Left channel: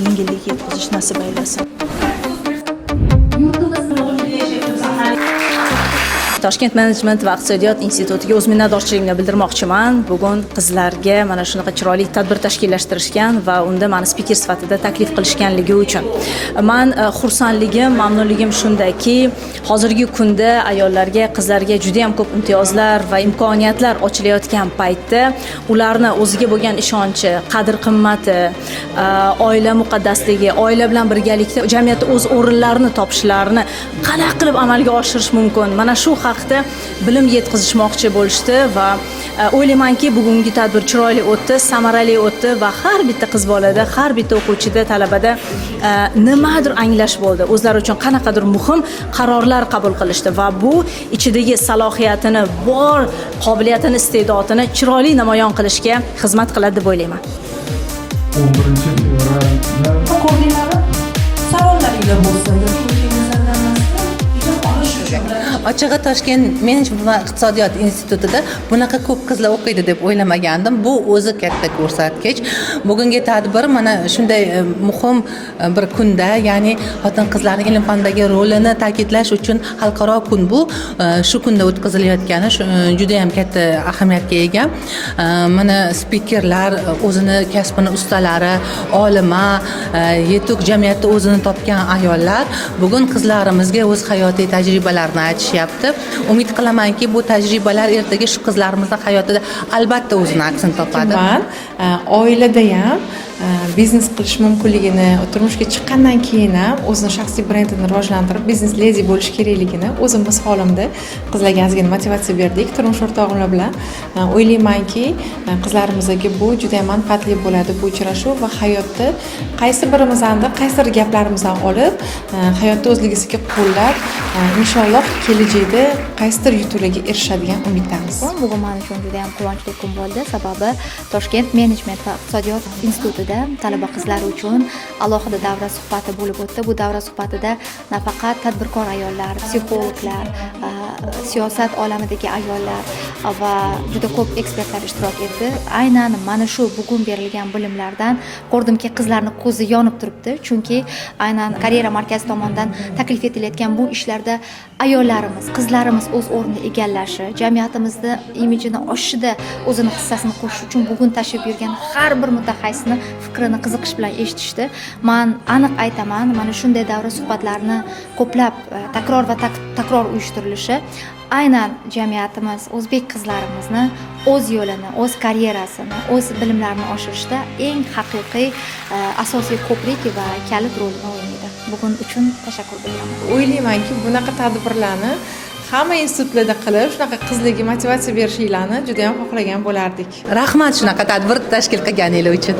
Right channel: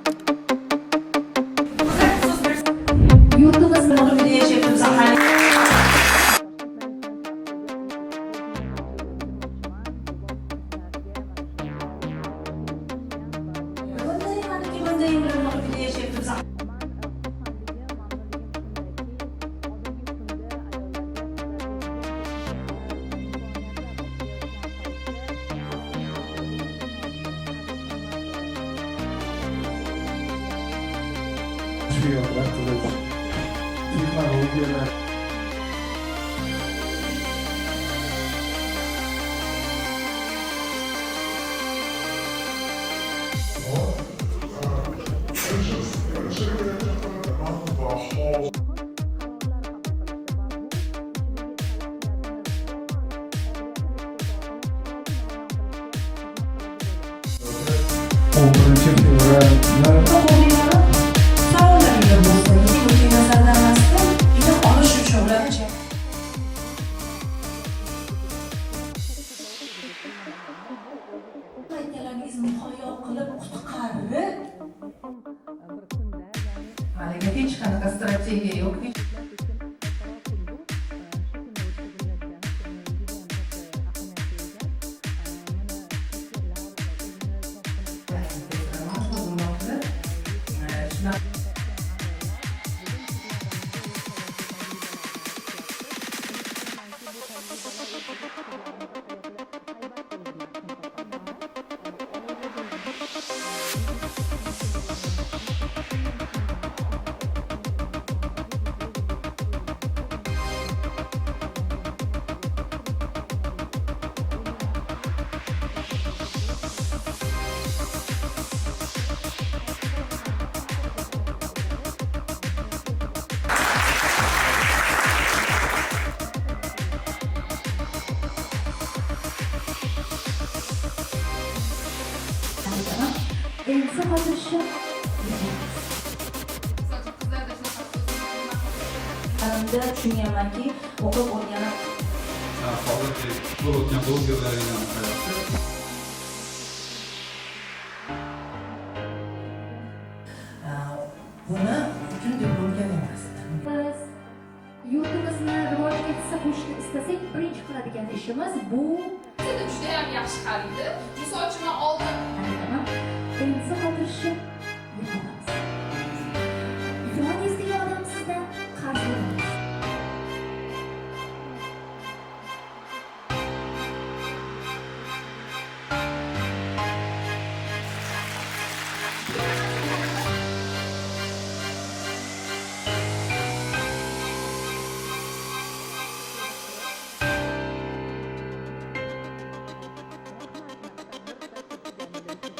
yengillik yetkazish nasib aylasin. Toshkent Management va iqtisodiyot institutiga o'z minnatdorchiligimni bildirmoqchiman. Bugun qizlarga mana shunaqa chiroyli tadbir tashkillashtirishgan va unda meni spiker sifatida taklif qilishganligi uchun. Men xursandligim, mamnunligim shundaki, hozirgi kunda ayollarga, qizlarga juda ham ko'p imtiyozlar va imkoniyatlar ochilayotgan paytda ularni o'ziga bo'lgan ishonchi, qadr-qimmati, oila muqaddasligi, oila bilan birgalikda jamiyatda o'z o'rinlarini topishlarini qanday qilib amalga oshirish mumkin? Mana shu haqda bilim yetkazishmoqchi bo'lishdi va o'ylaymanki, bugungi tadbir chiroyli o'tdi, samarali o'tdi va har bitta qiz bolada, har bitta o'quvchida, talabada nimadir anglash bo'ldi. O'zlari uchun qanaqadir muhim qarorlar qabul qilishdi va bu ichidagi salohiyatini, bor qobiliyatini, iste'dodini chiroyli namoyon qilishga xizmat qiladi deb o'ylayman. 11-fevraldan Ochig'i Toshkent Management va iqtisodiyot institutida bunaqa ko'p qizlar o'qiydi deb o'ylamagandim. Bu o'zi katta ko'rsatkich. Bugungi tadbir mana shunday muhim bir kunda, ya'ni xotin-qizlarning ilm-fandagi rolini ta'kidlash uchun xalqaro kun bu. Shu kunda o'tkazilayotgani juda ham katta ahamiyatga ega. Mana spikerlar, o'zini kasbini ustalari, olima, yetuk jamiyatda o'zini topgan ayollar bugun qizlarimizga o'z hayotiy tajribalarini aytishyapti. Umid qilamanki, bu tajribalar ertaga shu qizlarimizning hayotida albatta o'zini aksini topadi. Oilada ham biznes qilish mumkinligini, turmushga chiqqandan keyin ham o'zini shaxsiy brendini rivojlantirib, biznes ledi bo'lish kerakligini o'zimiz holimda qizlarga ozgina motivatsiya berdik. Turmush o'rtog'im bilan o'ylaymanki, qizlarimizga bu juda ham manfaatli bo'ladi bu uchrashuv va hayotda qaysi birimizdan, qaysi gaplarimizdan olib, hayotda o'zligisiga qo'llab, inshaalloh kelajakda qaysidir yutuqlarga erishadigan umiddamiz. Bugun men uchun juda ham quvonchli kun bo'ldi, sababi Toshkent Management va iqtisodiyot institutida talaba qizlar uchun alohida davra suhbati bo'lib o'tdi. Bu davra suhbatida nafaqat tadbirkor ayollar, psixologlar, siyosat olamidagi ayollar va juda ko'p ekspertlar ishtirok etdi. Aynan mana shu bugun berilgan bilimlardan ko'rdimki, qizlarning ko'zi yonib turibdi, chunki aynan karyera markazi tomonidan taklif etilayotgan bu ishlarda ayollarimiz, qizlarimiz o'z o'rnini egallashi, jamiyatimizda imijini oshishida o'zini hissasini qo'shish uchun bugun tashrif buyurgan har bir mutaxassisni fikrini qiziqish bilan eshitishdi. Men aniq aytaman, mana shunday davra suhbatlarini ko'plab takror va takror uyushtirilishi aynan jamiyatimiz, o'zbek qizlarimizni o'z yo'lini, o'z karyerasini, o'z bilimlarini oshirishda eng haqiqiy asosiy ko'prik va kalit rolini o'ynaydi. Bugun uchun tashakkur qilaman. O'ylaymanki, bunaqa tadbirlarni hamma institutlarda qilib, shunaqa qizlarga motivatsiya berishinglarni juda ham xohlagan bo'lardik. Rahmat shunaqa tadbir tashkil qilganingiz uchun.